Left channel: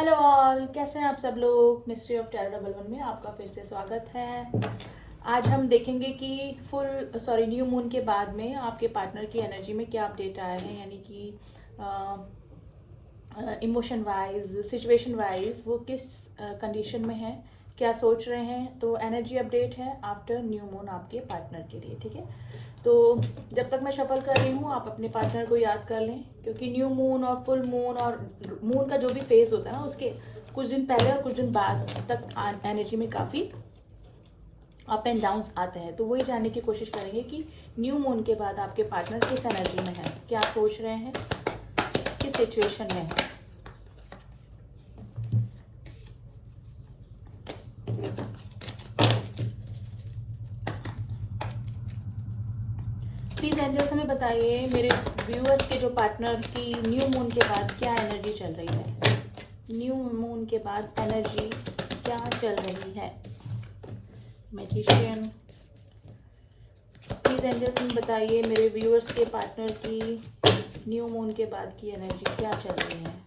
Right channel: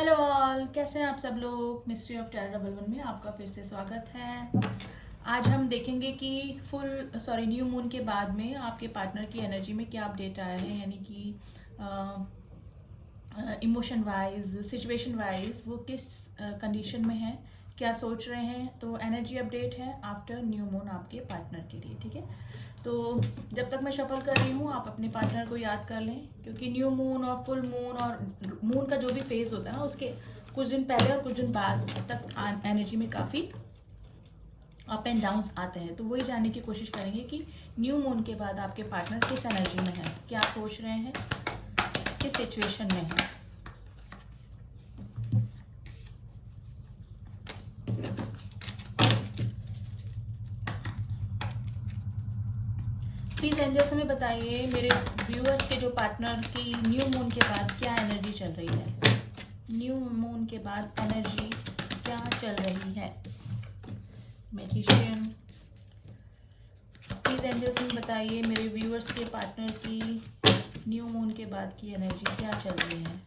Hello all, कैसे हैं आप सब लोग। Mystery of terror double one में आपका फिर से स्वागत है। आज हम देखेंगे कि न्यू मून के बाद में आपके पार्टनर की एनर्जी में क्या अपडेट आए हैं, यानी कि इमोशन वाइज, सिचुएशन वाइज वो किस कंडीशन में है, क्या सोच रहे हैं। तो एनर्जी अपडेट है आफ्टर न्यू मून आपके पार्टनर के लिए, ठीक है। तो जब तक मैं शफल कर रही हूँ आप अपने पार्टनर को याद कर लें, क्योंकि न्यू मून और फुल मून और मून का जो भी फेज होता है ना, उसके कुछ दिन पहले और कुछ दिन बाद तक एनर्जी में काफ़ी अप एंड डाउन्स आते हैं। तो वही जानने की कोशिश करेंगे कि न्यू मून के बाद आपके पार्टनर किस एनर्जी में है, क्या सोच रहे हैं, किस सिचुएशन में है। प्लीज एंजल्स हमें बताइए मेरे व्यूअर्स के जो पार्टनर की न्यू मून के बाद क्या एनर्जी चल रही है। न्यू मून के बाद एनर्जी क्या चल रही है। मैजिशियन, प्लीज एंजल्स हमें बताइए मेरे व्यूअर्स के पार्टनर की न्यू मून के बाद की एनर्जी क्या चल रही है।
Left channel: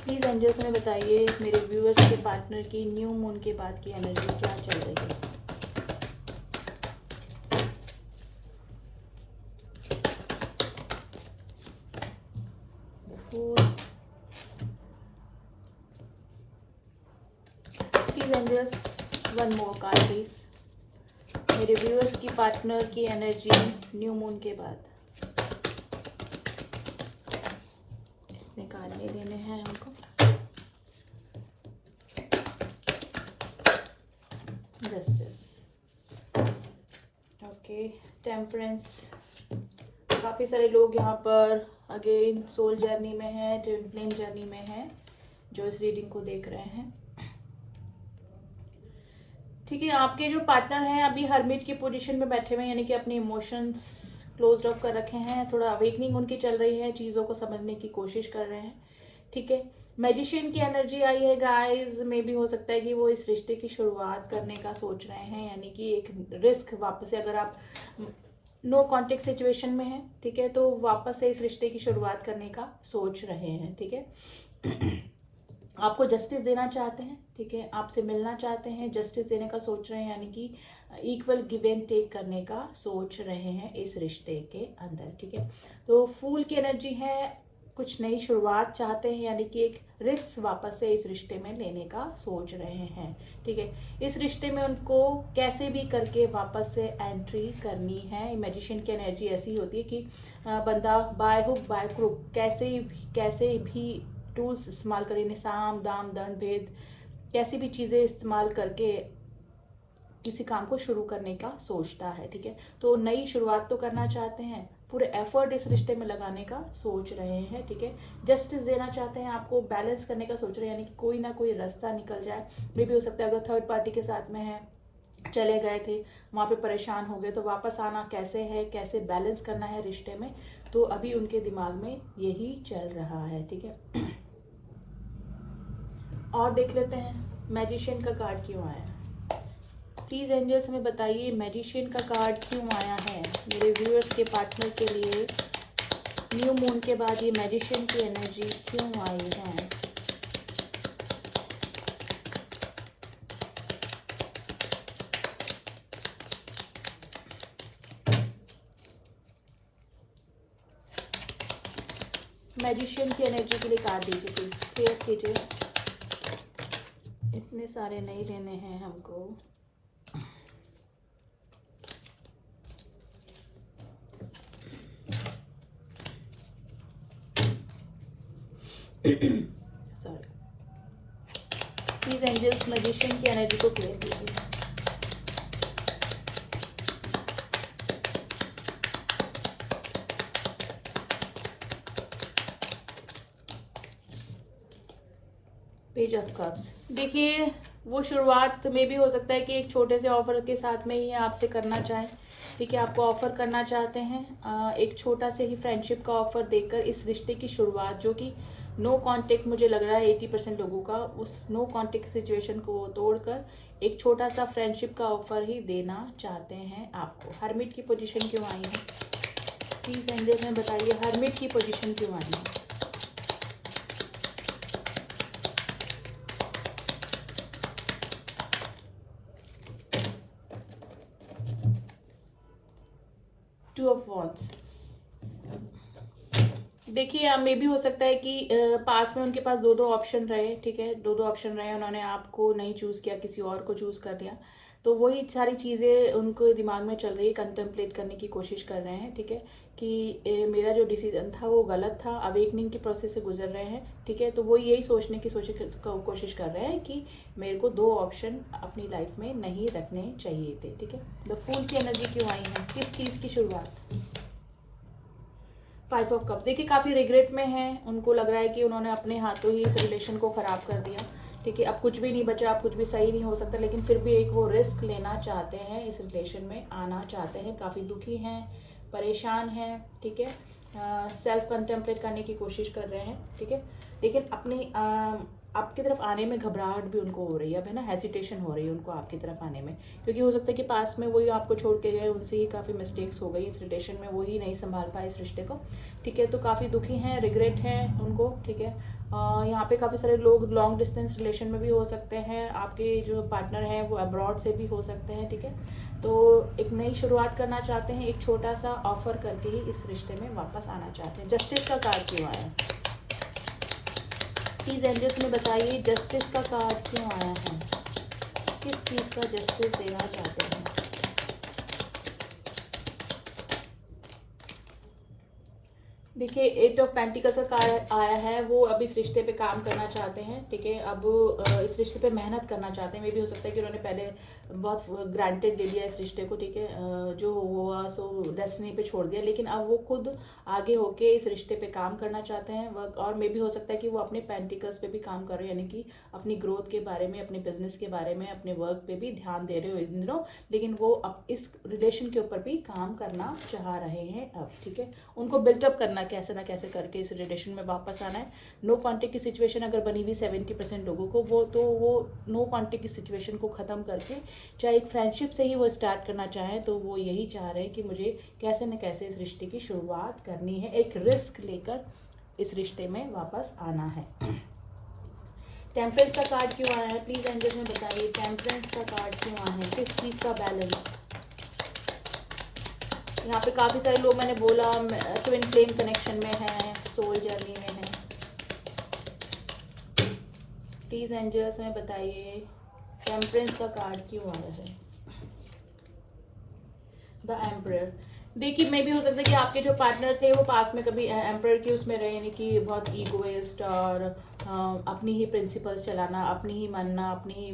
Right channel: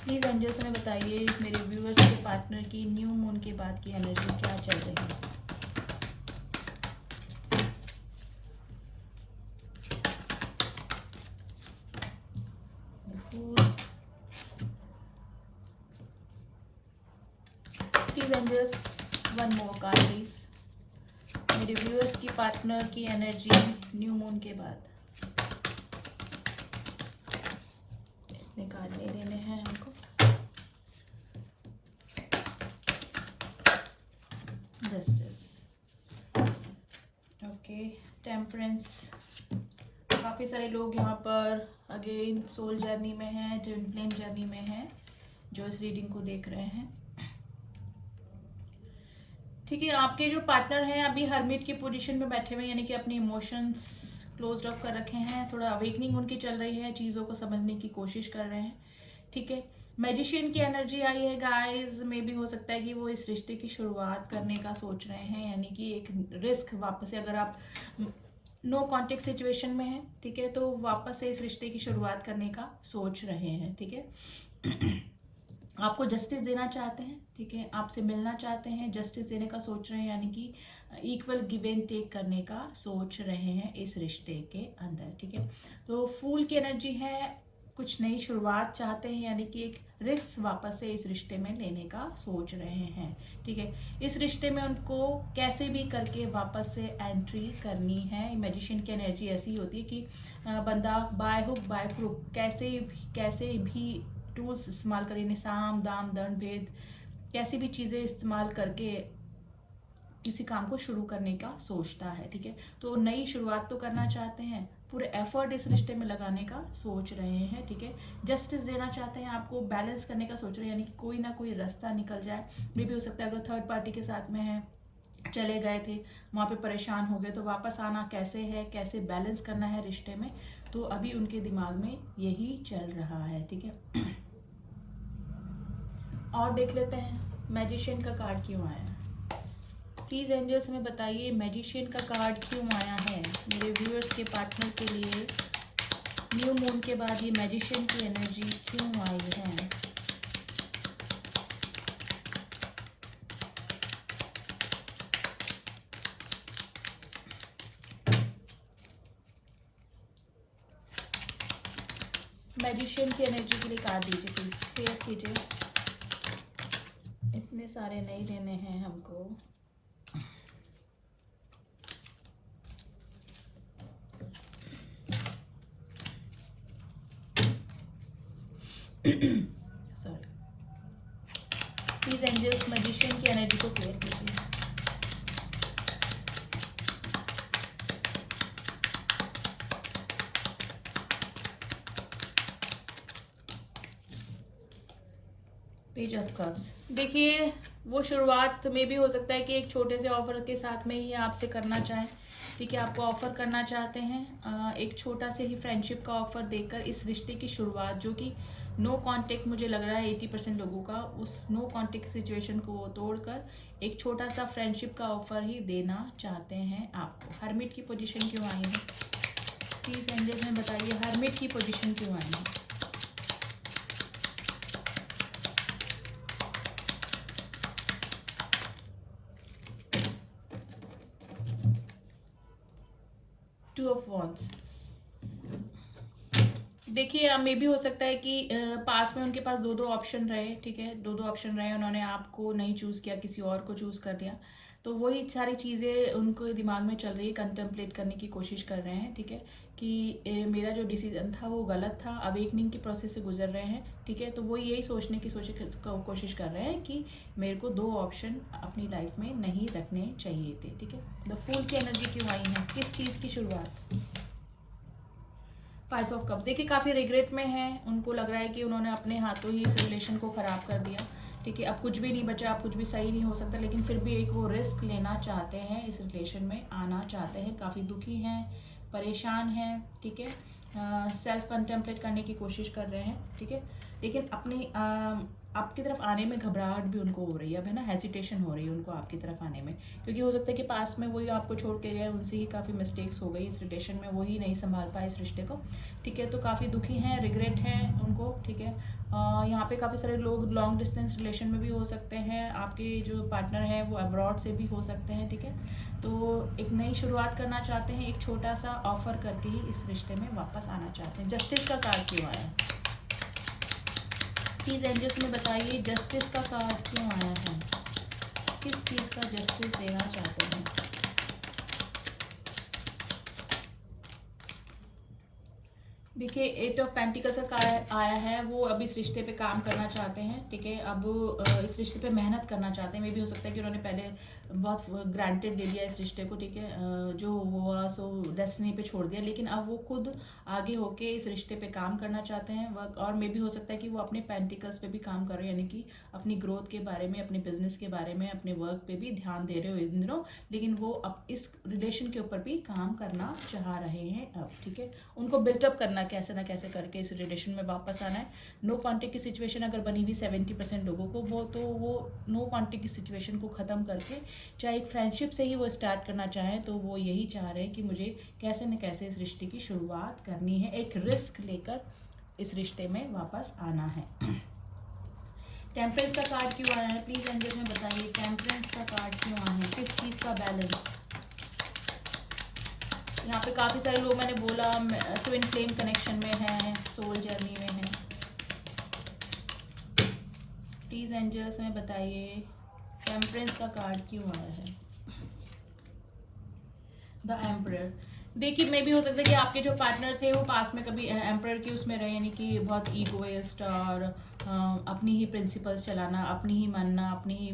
प्लीज एंजल्स हमें बताइए मेरे व्यूअर्स के पार्टनर की न्यू मून के बाद की एनर्जी क्या चल रही है। Please angels one more card please, मेरे व्यूअर्स की पार्टनर की एनर्जी न्यू मून के बाद। इसमें कार्ड ले लेने हैं हमको। Justice, okay, temperance. काफ़ी सारे लोग यहाँ पर अगेन सोल जर्नी में है, ट्विन फ्लेम जर्नी में है, जो इस रीडिंग को देख रहे हैं। ठीक है, आपके जो पार्टनर हैं अभी हरमिट की पोजीशन में बैठे हुए हैं, यानी कि अपने इमोशंस क्लोज ऑफ कर रखे हैं। थोड़ा अवेकनिंग उनकी चल रही है, चीज़ों को समझने की कोशिश कर रहे हैं, ठीक है। मैजिशियन की एनर्जी आई है गाइस, में भी हो सकता है कि वो इस रिश्ते की शुरुआत करने का सोच रहे हैं, यानी कि एक रिस्क वापस से, अगर आप नो कॉन्टेक्ट सिचुएशन में है, ठीक है, तो वापस से इस रिश्ते की शुरुआत करने का सोच रहे हैं, ठीक है। आपको जस्टिस देना चाहते हैं, ठीक है, आपसे मिलना चाहते हैं, जस्टिस देने का सोच रहे हैं, यानी कि इक्वल गिव एंड टेक करने का सोच रहे हैं इस रिश्ते के अंदर, ठीक है। तो फूल की एनर्जी है, कुछ नई शुरुआत चाहते हैं, यानी कि एक रिस्क वापस से इस रिश्ते में लेने का सोच रहे हैं, ठीक है। इस रिश्ते में उनको कैसे भी करके वापस से एंट्री करनी है। मैजिशियन की एनर्जी ऐसी होती है कि बंदा बाय हुक बाय क्रुक कैसे भी टूल्स इस्तेमाल करें, साम दाम दंड भेद, कैसी भी चीज़ें इस्तेमाल करके किसी काम को शुरू करने का सोचता है, ठीक है। तो नई शुरुआत तो करना चाहते हैं, पूरे एफर्ट इस रिश्ते में लगाने का सोच रहे हैं, ठीक है। जस्टिस देना चाहते हैं, आपको बैलेंस करने का सोच रहे हैं, यानी कि कोई ना कोई रास्ता निकल जाए। ये भी हो सकता है अगर थर्ड पार्टी के साथ में है, चले गए थे वहाँ पे परेशान हो गए, तो वापस आना कैसे है, कैसे बैलेंस करना है रिश्ते में, तो अभी उनके दिमाग में यही चल रहा है, ठीक है। और देख लेते हैं मैजिशियन का कार्ड क्यों आया है। प्लीज एंजल्स हमें बताइए मैजिशियन का कार्ड क्यों आया है मेरे व्यूअर्स के पार्टनर के लिए। न्यू मून के बाद ये मैजिशियन की एनर्जी क्यों आई है। मैजिशियन की एनर्जी के लिए कार्ड दीजिए प्लीज, फेयर कीजिए। इतने सारे नहीं लेने हैं हमको। सॉरी, प्लीज एंजल्स मैजिशियन की एनर्जी को क्लियर कीजिए। पेज ऑफ कप्स, देखिए वो शुरुआत में भी हो सकता है कि एक छोटे से ऑफर के साथ में ही आपसे करना चाहें, ठीक है। आपको ऑफर करना चाहते हैं, एक छोटा से ही फ्रेंडशिप का ऑफर देकर इस रिश्ते की शुरुआत, जो कि नो कांटेक्ट मुझे लग रहा है 80% लोगों का उस नो कांटेक्ट सिचुएशन को तोड़कर एक छोटा सा फ्रेंडशिप का ऑफर ही देना चाहते हैं आपको। हर्मिट की पोजीशन क्यों आई है प्लीज एंजल में बताइए, हर्मिट की पोजीशन क्यों आई है? Two of wands. देखिए मे भी हो सकता है कि पास में उनके पास दो दो ऑप्शन रहे, ठीक है, दो दो ऑप्शन रहे, उन्होंने आपको नहीं चूज किया, किसी और को चूज कर लिया, तो वही सारी चीजें उनको दिमाग में चल रही है, कंटेम्पलेट करने की कोशिश कर रहे हैं, ठीक है, कि मेरा जो डिसीजन था वो गलत था, अवेकनिंग की प्रोसेस से गुजर रहे हैं, ठीक है, तो वो यही सोचने की कोशिश कर रहे हैं कि मेरे को दो ऑप्शन अपनी लाइफ में नहीं रखने चाहिए थे, ठीक है। द फूल की एनर्जी क्यों आई है, किस चीज की शुरुआत? 5 ऑफ कप। देखिए काफी रिग्रेट में हैं, उनको लग रहा है कि उन्होंने अपने हाथों ही इस रिलेशन को खराब कर दिया, ठीक है, अब कुछ भी नहीं बचा, अब कुछ भी सही नहीं हो सकता, लेकिन फिर भी एक वो रिस्क लेना चाहते हैं, इस रिलेशन में आना चाहते हैं, काफी दुखी हैं, परेशान हैं, ठीक है, सेल्फ कंटेम्पलेट करने की कोशिश कर रहे हैं, ठीक है, लेकिन अपनी आपकी तरफ आने में घबराहट भी उनको हो रही है, अब है ना, हेजिटेशन हो रही है उनको आपकी तरफ आने में, क्योंकि हो सकता है कि पास में वही आपको छोड़ के गए, उनसे ही काफी मिस्टेक्स हो गई इस रिलेशन में, वही नहीं संभाल पाए इस रिश्ते को, ठीक है, तो काफी दुखी हैं, रिग्रेट हैं उनको, ठीक है। यहाँ पे काफी सारे लोग लॉन्ग डिस्टेंस रिलेशन में भी हो सकते हैं, आपके जो पार्टनर है वो अब्रॉड से भी हो सकते हैं, ठीक है, तो एक नई शुरुआत करना चाहते हैं, एक छोटा सा ऑफर करके ही इस रिश्ते में वापस आना चाहते हैं। जस्टिस का कार्ड क्यों आया प्लीज एंजल्स में बताइए, जस्टिस का कार्ड क्यों आया है, किस चीज का जस्टिस देना चाहते हैं? देखिए 8 ऑफ पेंटिकल्स का कार्ड आया है, वो अब इस रिश्ते पे काम करना चाहते हैं, ठीक है, अब इस रिश्ते पे मेहनत करना चाहते हैं, मे भी हो सकता है कि उन्होंने पहले बहुत ग्रांटेड ले लिया इस रिश्ते को, ठीक है, जो हुआ सो डेस्टिनी पे छोड़ दिया, लेकिन अब वो खुद आगे होके इस रिश्ते पे काम करना चाहते हैं वर्क, और मे भी हो सकता है कि वो अपने पेंटिकल्स पे भी काम कर रहे हो, यानी कि अपनी ग्रोथ के बारे में, अपने बिजनेस के बारे में, अपने वर्क पे भी ध्यान दे रहे हो इन दिनों, लेकिन वो अब इस रिलेशन के ऊपर भी काम करना चाह रहे हैं अब, ठीक है, उनको बिल्टअप करना, कैसे ना कैसे करके इस रिलेशन में वापस आना है। नो कॉन्टेक्ट की सिचुएशन अगर बनी हुई 70% लोगों को, वो नो कॉन्टेक्ट की सिचुएशन को खत्म करके चाहे एक फ्रेंडशिप से ही वो स्टार्ट करना चाहें, तो वो यही चाह रहे हैं कि मुझे कैसे न कैसे इस रिश्ते की शुरुआत करनी है, एक रिस्क लेकर इस रिश्ते में वापस आना है। टेम्परेंस का कार्ड क्यों आया है प्लीज एंजल में बताइए, टेम्परेंस का कार्ड क्यों आया है, किस चीज का बैलेंस? यहाँ पे काफी सारे लोग, मैंने बोला, ट्विन फ्लेम कनेक्शन में है, सोल जर्नी में है, प्लीज एंजल्स में बताइए टेम्परेंस का कार्ड क्यों आया है? The emperor. देखिए मे भी हो सकता है कि आपके जो पार्टनर थे वो पास में कभी एम्परर के उसमें रहे, यानी कि बहुत ईगोइस्ट और अपनी ही प्रिंसिपल्स चलाना, अपनी ही मानना, अपनी ही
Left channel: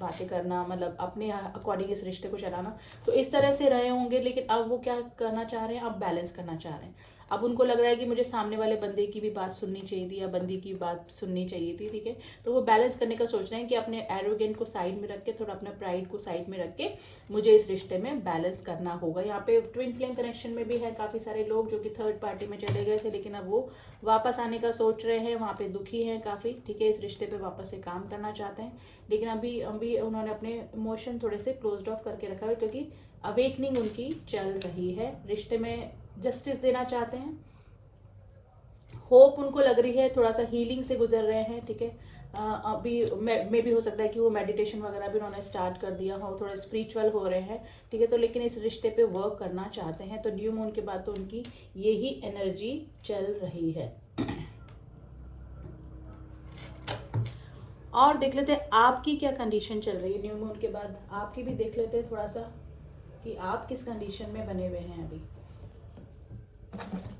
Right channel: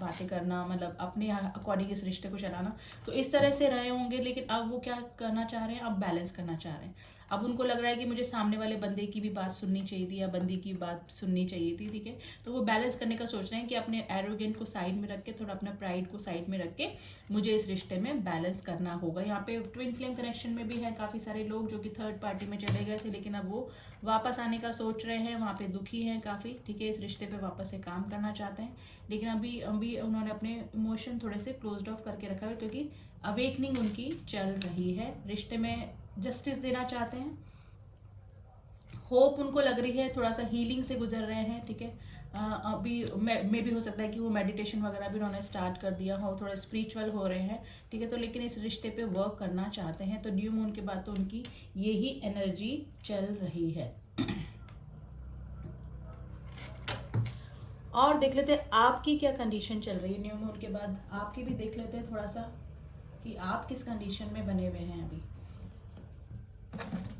बातें करना, मतलब अपने अकॉर्डिंग इस रिश्ते को चलाना, तो इस तरह से रहे होंगे, लेकिन अब वो क्या करना चाह रहे हैं, अब बैलेंस करना चाह रहे हैं, अब उनको लग रहा है कि मुझे सामने वाले बंदे की भी बात सुननी चाहिए थी या बंदी की बात सुननी चाहिए थी, ठीक है, तो वो बैलेंस करने का सोच रहे हैं कि अपने एरोगेंट को साइड में रख के, थोड़ा अपने प्राइड को साइड में रख के मुझे इस रिश्ते में बैलेंस करना होगा। यहाँ पे ट्विन फ्लेम कनेक्शन में भी है काफी सारे लोग जो कि थर्ड पार्टी में चले गए थे, लेकिन अब वो वापस आने का सोच रहे हैं, वहां पे दुखी हैं काफी, ठीक है, इस रिश्ते पे वापस से काम करना चाहते हैं, लेकिन अभी उन्होंने अपने इमोशन थोड़े से क्लोज्ड ऑफ करके रखा है, क्योंकि अवेकनिंग उनकी चल रही है, रिश्ते में जस्टिस देना चाहते हैं, होप उनको लग रही है, थोड़ा सा हीलिंग से गुजर रहे हैं, ठीक है, अभी मे भी हो सकता है कि वो मेडिटेशन वगैरह भी उन्होंने स्टार्ट कर दिया हो, थोड़ा स्पिरिचुअल हो रहे हैं, ठीक है, तो लेकिन इस रिश्ते पे वर्क करना चाहते हैं, तो न्यू मून के बाद तो उनकी यही एनर्जी चल रही है। और देख लेते हैं आपकी क्या कंडीशन चल रही है न्यू मून के बाद, आपकी भी देख लेते हैं थोड़ा सा कि आप किस कंडीशन में बने हुए हैं अभी।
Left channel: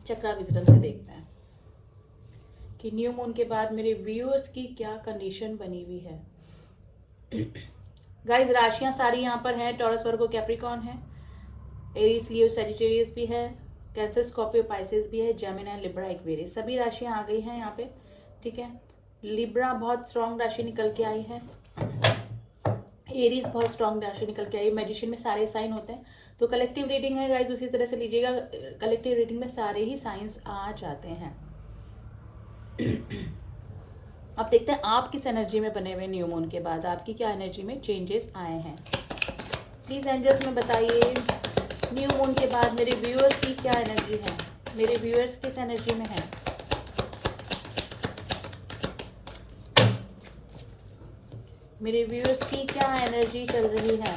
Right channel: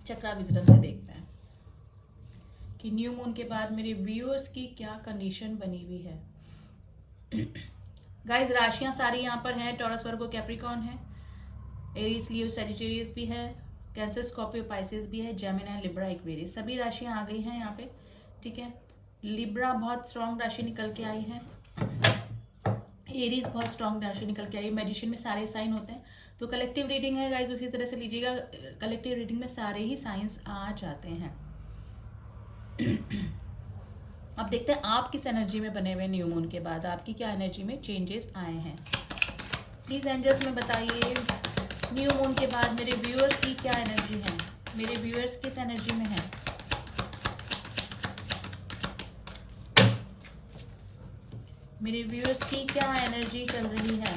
चक्रा विजडम से देखते हैं कि न्यू मून के बाद मेरे व्यूअर्स की क्या कंडीशन बनी हुई है। गाइस राशियां सारी यहाँ पर हैं, टॉरस वर्गो कैप्रिकॉर्न है, एरीज लियो सैजिटेरियस भी है, कैंसर स्कॉर्पियो पाइसेस भी है, जेमिनी लिब्रा एक्वेरियस, सभी राशियां आ गई हैं यहाँ पे, ठीक है, लिब्रा बहुत स्ट्रॉन्ग राशि निकल के आई है, एरीज बहुत स्ट्रॉन्ग राशि निकल के आई, मैजिशियन में सारे साइन होते हैं, तो कलेक्टिव रीडिंग है गाइस, उसी तरह से लीजिएगा, कलेक्टिव रीडिंग में सारे ही साइंस आ जाते हैं। अब देखते हैं आप किस एनर्जी में बने हुए न्यू मून के बाद, आपकी क्या एनर्जी में चेंजेस आए हैं। प्लीज एंजल्स में बताइए न्यू मून के बाद मेरे व्यूअर्स की क्या एनर्जी है, मेरे व्यूअर्स किस एनर्जी में है। मेरे व्यूअर्स की क्या एनर्जी चल रही है।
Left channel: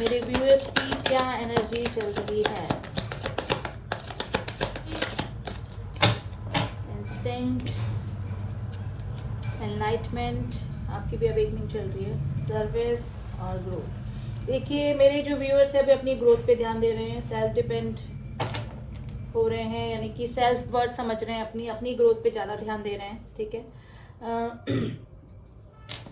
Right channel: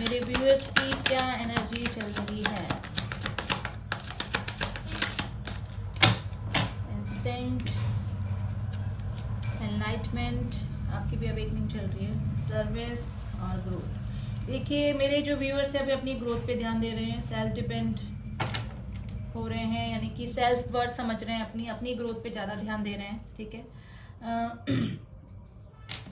मेरे व्यूअर्स की क्या एनर्जी चल रही है। इंस्टिंक्ट, एनलाइटमेंट, आपकी भी अवेकनिंग चल रही है, सर्विस और ग्रोथ। देखिए मेरे जो व्यूअर्स है अभी अपनी ग्रोथ पे ध्यान दे रहे हैं, सेल्फ डिपेंड हो रहे हैं, यानी कि सेल्फ वर्थ समझ रहे हैं, अपनी अपनी ग्रोथ पे ज़्यादा ध्यान दे रहे हैं, ठीक है।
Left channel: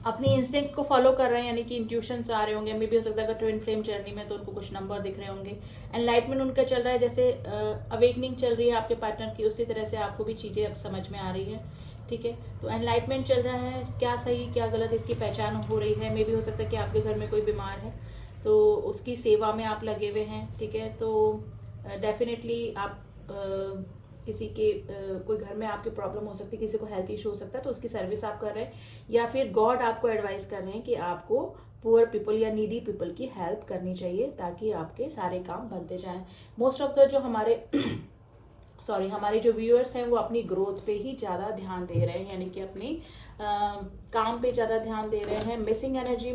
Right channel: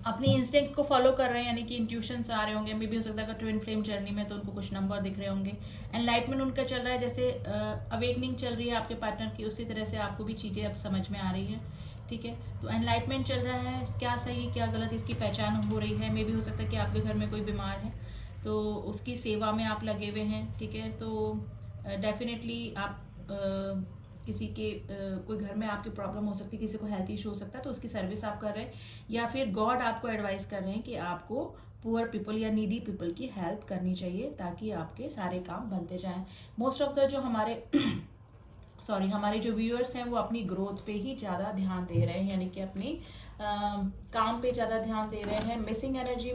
अपनी इंस्टिंक्ट को फॉलो कर रहे हैं, यानी कि इंट्यूशंस आ रहे होंगे, मे भी हो सकता है कि ट्विन फ्लेम जर्नी में तो उनको कुछ नंबर दिख रहे होंगे। एनलाइटमेंट उनका चल रहा है, जैसे अवेकनिंग चल रही है आपके पार्टनर की, उसी तरह से आपको भी चीज़ें अब समझ में आ रही है, ठीक है। तो एनलाइटमेंट चल रहा है, क्या सही क्या गलत इसकी पहचान हो रही है। मे भी हो सकता है कि आपके घर में कोई बीमार है तो उसकी सेवा में आप लगे हुए हैं, ठीक है। तो डेफिनेटली आप किसी के कोई घर में आपकी प्रॉब्लम हो सकती है, किसी को हेल्थ इशू हो सकता है, तो उसकी सर्विस आप कर रहे हैं, या फिर गॉड आपको एडवाइस कर रहे हैं कि आपको पुअर पीपल या नीडी पीपल की हेल्प करनी चाहिए ताकि आपके सारे काम बनते जाएं। मोस्ट ऑफ द जो हमारे हमारे जो व्यूअर्स हैं वो अपनी ग्रोथ पे ही ज़्यादा ध्यान दे रहे हैं, यानी कि अपनी काम पे ज़्यादा ध्यान दे रहे हैं। मिसिंग एनर्जी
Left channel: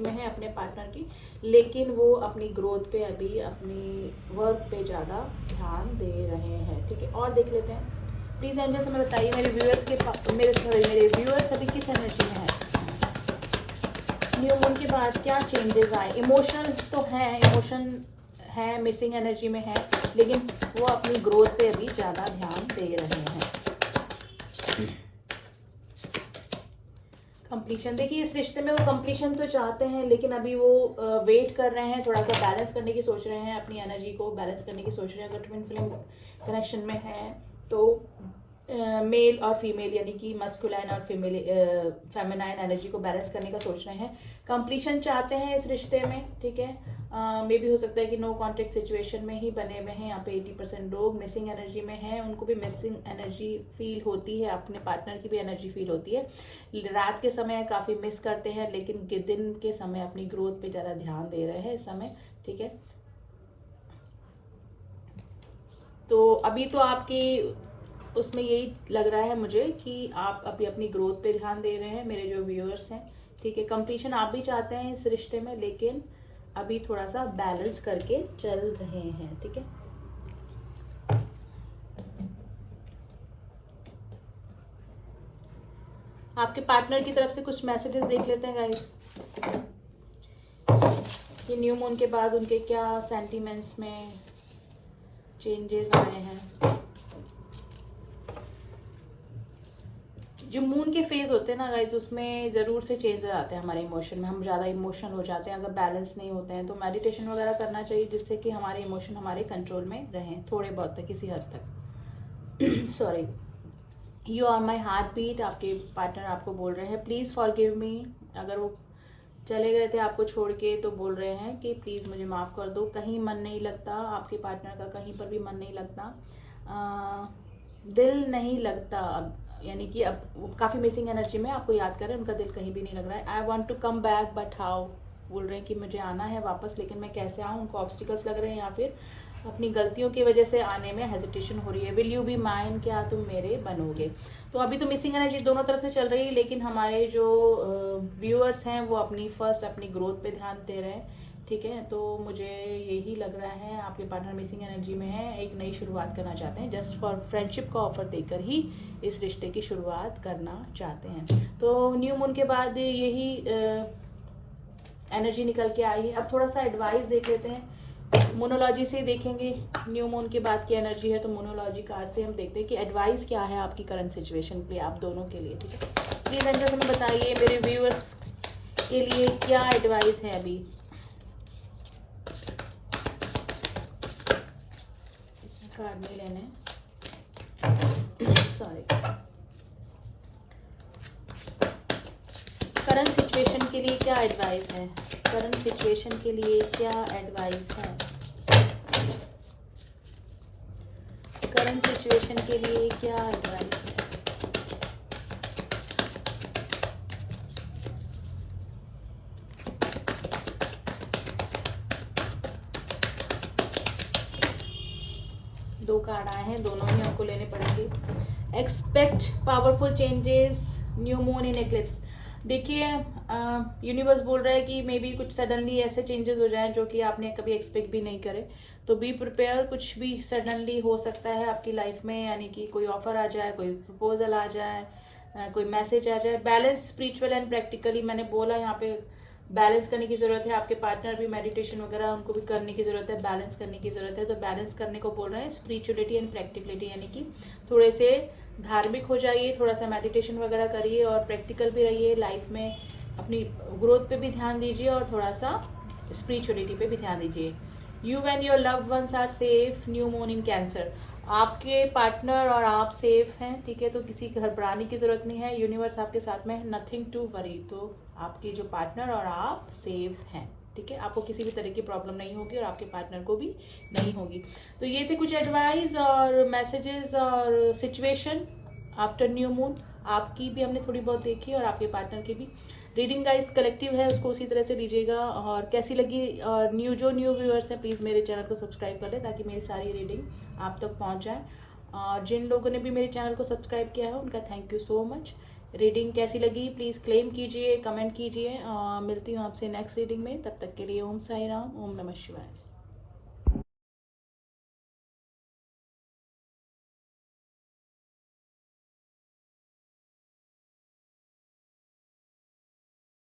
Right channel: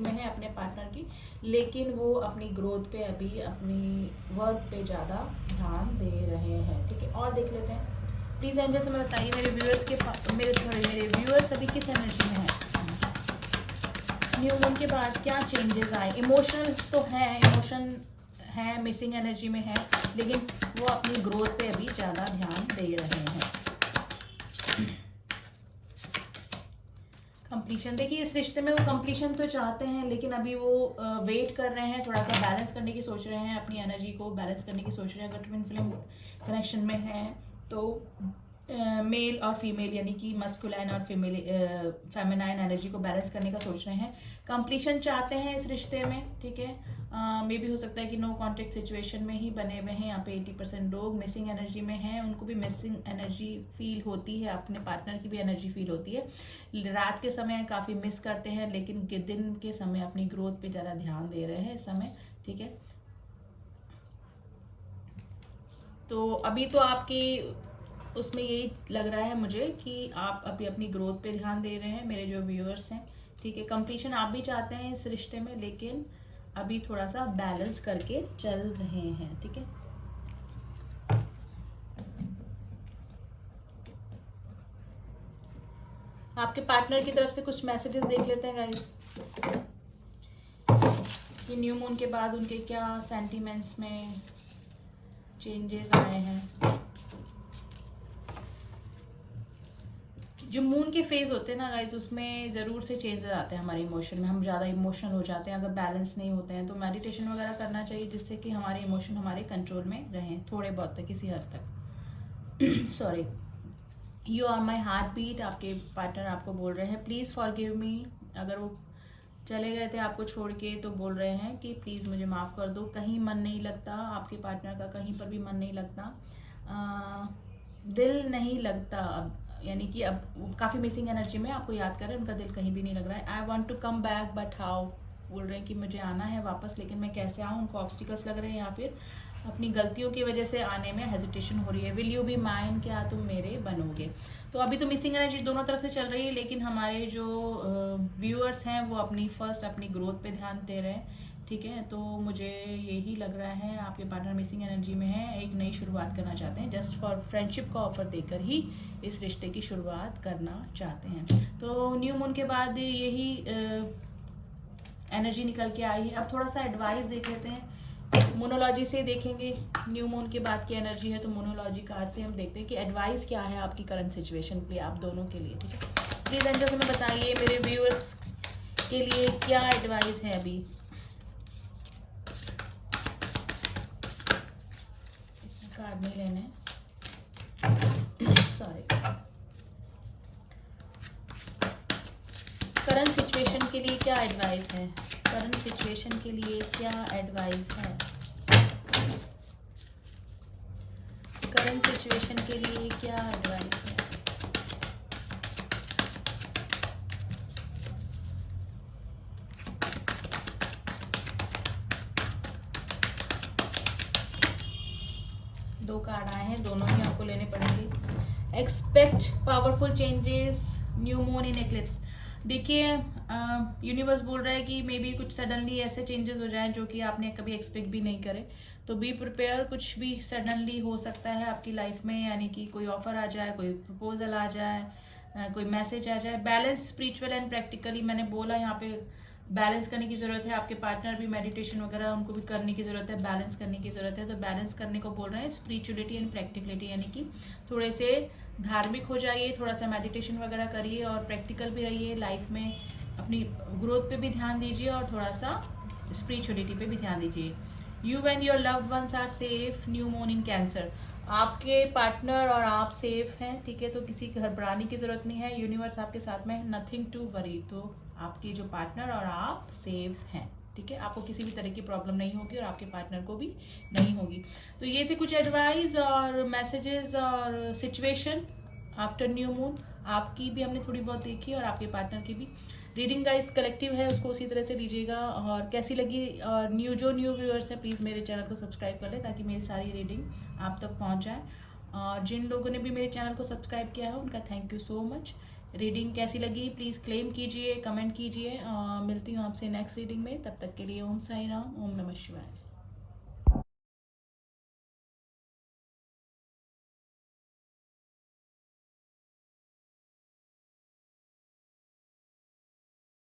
में है अपने पार्टनर की, लेकिन वो अपनी ग्रोथ पे अभी अपनी वर्क पे ज़्यादा ध्यान दे रहे हैं, ठीक है। और देख लेते हैं प्लीज़ एंजल से मैं बताइए मेरे व्यूअर्स के मेरे व्यूअर्स अभी किस एनर्जी में है। न्यू मून के बाद क्या चेंजेस आए। इमोशनल तो हैं, इमोशन है, मिसिंग एनर्जी में है, लेकिन वो अपनी ग्रोथ पे अभी ज़्यादा ध्यान दे रहे हैं। कंप्लीशन, देखिए इस रिश्ते में वो कंप्लीशन तो चाहते हैं, लेकिन अभी वो वेट कर रहे हैं, थोड़ा सा बैलेंस करने की सोच रहे हैं, अपनी एनर्जी को बैलेंस करने की सोच रहे हैं। अगर ट्विन फ्लेम कनेक्शन में है तो मेल और फीमेल यानी कि मस्कुलाइन और फेमिनाइन एनर्जी को बैलेंस करने का सोच रहे हैं। कंप्लीशन चाहते हैं इस रिश्ते में, ठीक है। मे भी हो सकता है कि नो कॉन्टेक्ट सिचुएशन में ही बने हुए हैं। यहाँ पे 80% लोग मिसिंग एनर्जी में हैं, उनको भी मिसिंग एनर्जी फील होती है, अपने पार्टनर की भी एनर्जी फील होती है। रात के समय काफ़ी मिस करते हैं, लेकिन दिन के समय अपनी ग्रोथ पे ज़्यादा ध्यान दे रहे हैं इस समय, ठीक है। तो अभी तो आपके उसमें यही लग रहा है मुझे कि आप अभी अपनी ग्रोथ पे ध्यान दे रहे हैं, मेरे जो व्यूअर्स हैं, ठीक है। कंप्लीशन आप भी चाहते हैं इस रिश्ते में, लेकिन अभी थोड़ा सा बैलेंस करके चल रहे हैं, ठीक है। आपके पार्टनर की तरफ से कुछ मैसेजेस देख लेते हैं गाइस कि न्यू मून के बाद उनके क्या सेंटिमेंट्स में चेंजेस आए हैं। जो मून के फेज होते हैं ना गाइज, उसमें ज़रूर से चेंजेस आते हैं हमारे इमोशन में, हम ज़्यादा इमोशनल हो जाते हैं। अगर बैलेंस नहीं होते हैं तो मेडिटेशन वगैरह करना चाहिए, जिससे कि हमारे इमोशन हमारे कंट्रोल में रहें थोड़े बहुत तक, किसी हद तक। Sorry, you are my heart beat, आपके पार्टनर आपको बोल रहे हैं प्लीज़ फॉरगिव मी। अगर वो चले गए थे आपको छोड़ के तो बोल रहे हैं कि प्लीज़ मुझे माफ़ कर दो। कहीं मन नहीं लगता आपके पार्टनर का, कहीं पर भी मन नहीं लगता, दिल नहीं लगता अब, यानी कि अब काफ़ी मिसिंग एनर्जी में आपको याद कर रहे हैं, उनका दिल कहीं भी नहीं लग रहा है। I want to come back but how, बोल रहे हैं कि मुझे आना है वापस, लेकिन मैं कैसे आऊँ, उनको ऑब्स्टिकल्स लग रहे हैं, या फिर अपनी गलतियों की वजह से आने में हेजिटेशन हो रही है। विल यू बी माइन, क्या तुम मेरे बनोगे। तो अभी तो मिसिंग एनर्जी दोनों तरफ से चल रही है, लेकिन हमारे जो व्यूअर्स हैं वो अपनी ग्रोथ पे ध्यान दे रहे हैं, ठीक है। तो मुझे यही लग रहा है आपके पार्टनर मिसिंग एनर्जी में है, एक नई शुरुआत करना चाहते हैं, जस्ट फॉर फ्रेंडशिप का ऑफर देकर ही इस रिश्ते की शुरुआत करना चाहते हैं। तो न्यू मून के बाद यही एनर्जी निकल के आई है। अब थोड़ा सा एडवाइस देख लेते हैं, मोनोलॉजी से देखेंगे न्यू मून के बाद की एनर्जी है, तो मोनोलॉजी कार्ड से हम देखते हैं कि एडवाइस क्या है आपकी करंट सिचुएशन पे, आप दोनों के लिए, ठीक है। प्लीज एंजल हमें बताइए मेरे व्यूअर्स के लिए क्या एडवाइस है अभी। कार्ड नहीं लेने, सॉरी। के लिए क्या एडवाइस है? करंट सिचुएशन के लिए क्या एडवाइस है? दो कार्ड आए हैं, दोनों ही आपको लेने पड़ेंगे। Expect powerful changes, new moon इन एक्लिप्स। देखिए यूनिवर्स बोल रहा है कि मे बी कुछ सडनली ऐसे चेंजेस हो जाएं जो कि आपने कभी एक्सपेक्ट भी नहीं करे, तो बी प्रिपेयर, कुछ भी सडनली हो सकता है आपकी लाइफ में, यानी कि कोई ऑफर आ जाए, कोई प्रपोजल आ जाए, कोई मैसेज आ जाए। बैलेंस स्पिरिचुअल एंड प्रैक्टिकली, मैंने बोला यहाँ पे बैलेंस करने की जरूरत है। आपके पार्टनर भी मेडिटेशन वगैरह उनको भी करने की जरूरत है, बैलेंस करने की जरूरत है। तो बैलेंस करने को बोल रहे हैं, स्पिरिचुअलिटी एंड प्रैक्टिकलिटी, यानी कि थोड़े से धार्मिक हो जाइए, थोड़ा सा मेडिटेशन वगैरह करिए और प्रैक्टिकल भी रहिए लाइफ में। अपनी ग्रोथ पे भी ध्यान दीजिए और थोड़ा सा स्पिरिचुअलिटी पे भी ध्यान दीजिए। You and your loved ones are safe, new moon in Cancer. आपके पार्टनर और आप सेफ हैं, ठीक है, तो किसी घबराने की जरूरत नहीं है। यूनिवर्स आपके साथ में, नथिंग टू वरी। तो आपके जो पार्टनर और आप सेफ हैं, ठीक है, आपको किसी भी तरह की प्रॉब्लम नहीं होगी और आपके पार्टनर को भी नहीं होगी। तो ये थे कुछ एडवाइस और मैसेजेस और सिचुएशन आफ्टर न्यू मून। आपकी भी हमने थोड़ी बहुत देखी और आपके पार्टनर की भी। रीडिंग गाइस कलेक्टिव है, उसको उसी तरह से लीजिएगा। और कैसी लगी, और न्यू व्यूअर्स हैं प्लीज़ मेरे चैनल को सब्सक्राइब कर लें ताकि मेरी सारी रीडिंग आप तक पहुंच जाए। और जिन लोगों ने भी मेरे चैनल को सब्सक्राइब किया है उनका thank you so much. Reading कैसी लगी प्लीज़ क्लेम कीजिए, कमेंट कीजिए। मिलती हूँ आपसे नेक्स्ट रीडिंग में, तब तक के लिए ओम साई राम, ओम नमः शिवाय।